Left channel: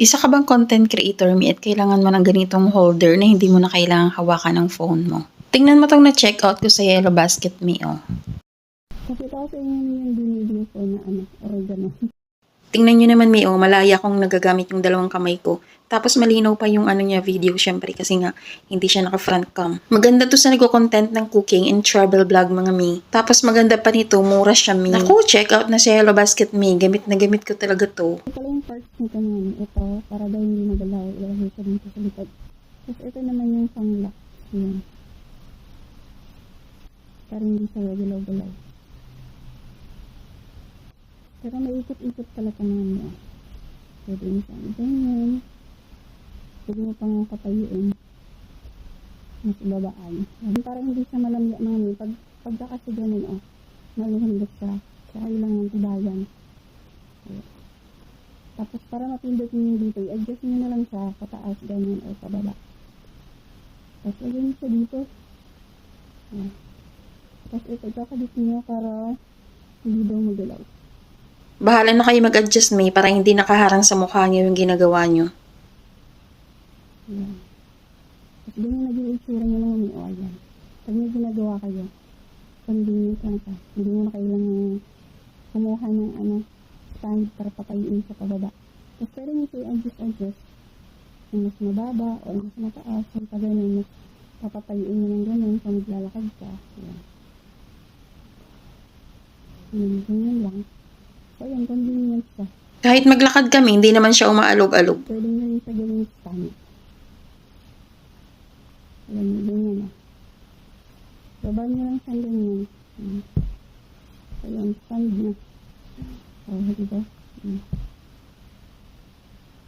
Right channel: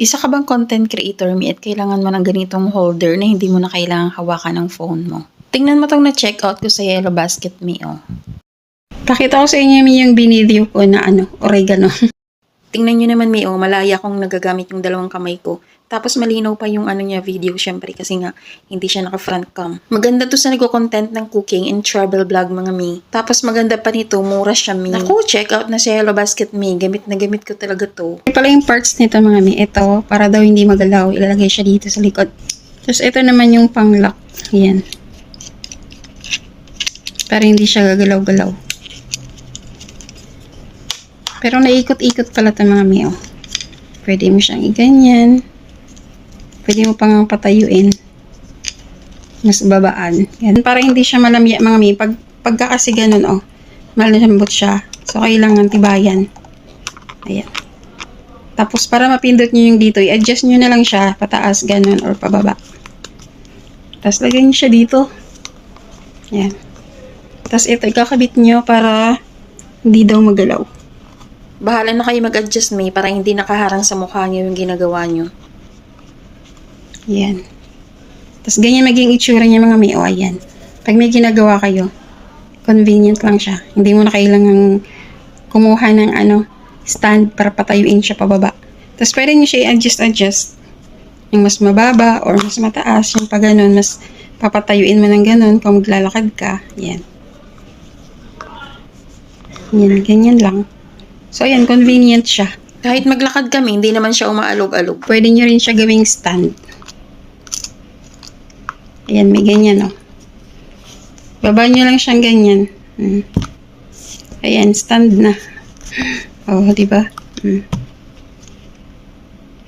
Isa ka bang content creator, Mi, at kailangan mo ng ganitong holder na hindi mo na kailangang hawakan ng phone mo? Tingnan mo tong na-check out ko sa Yellow Basket, Mi, oh. Pakita ko sa inyo yung binideo ko na oregano. Tingnan nyo naman, Mi, oh, malaya kong nagagamit yung dalawang kamay ko. Tapos malinaw pa yung niya video, syempre, kasi nga hindi siya naka-front cam. Maganda to sa nagko-content ng cooking and travel vlog, mga Mi. Tapos maganda pa nito, mura siya, Mi. Naku, check out na sa Yellow Basket, Mi. Gamit na gamit ko talaga to. Ito pala yung parts nito, mga Mi. Ito, para daw hindi magalaw, ilalagay siya dito sa likod. Tapos ito naman yung pang-lock. Yan. Para hindi siya gagalaw-galaw. Pero naikot-ikot pala ito, mga Mi, oh. Pwede mo siyang iganyan. Pwede mo pang patayuin. Mas babaan. Yan. Para hindi siya malamya, mga Mi. Pagka kasi ganun, oh. Malambot siya. So, kailangan tibayan. Ayan. Tapos, para mapindot nyo yung dito, i-adjust nyo na lang siya. Pataas, ganun, or pababa. Tapos, lagyan nyo siya dito. Ayan. Tapos, ito, ikakabit nyo para hindi daw magalaw. Bahala na kayo mag-adjust, Mi, para hindi nakaharang sa mukha nyo yung ginagawa nyo. Yan. Tapos ganyan maging itsura niya, mga Mi. O, ayan. Pag may ginagawa kayo, convenient lang siya. Hindi mo na kailangang kumuha ng stand para patayuin siya pababa. Tapos pwede niyo siya i-adjust. Yung mas mababa or mas mataas. Yung pag ganun, mas papatayuin mo ng ganun kung maglalakad ka. Yan. Yan, ganyan lang. So, ayan, convenient siya. Kahit maglakad kami, hindi naman siya umaalog-alog. Pwede nyo rin siya gawing stand. Ayan, may ganyan, oh. Baba nyo lang siyang ganyan. Ayan, stand na. Oh, diba?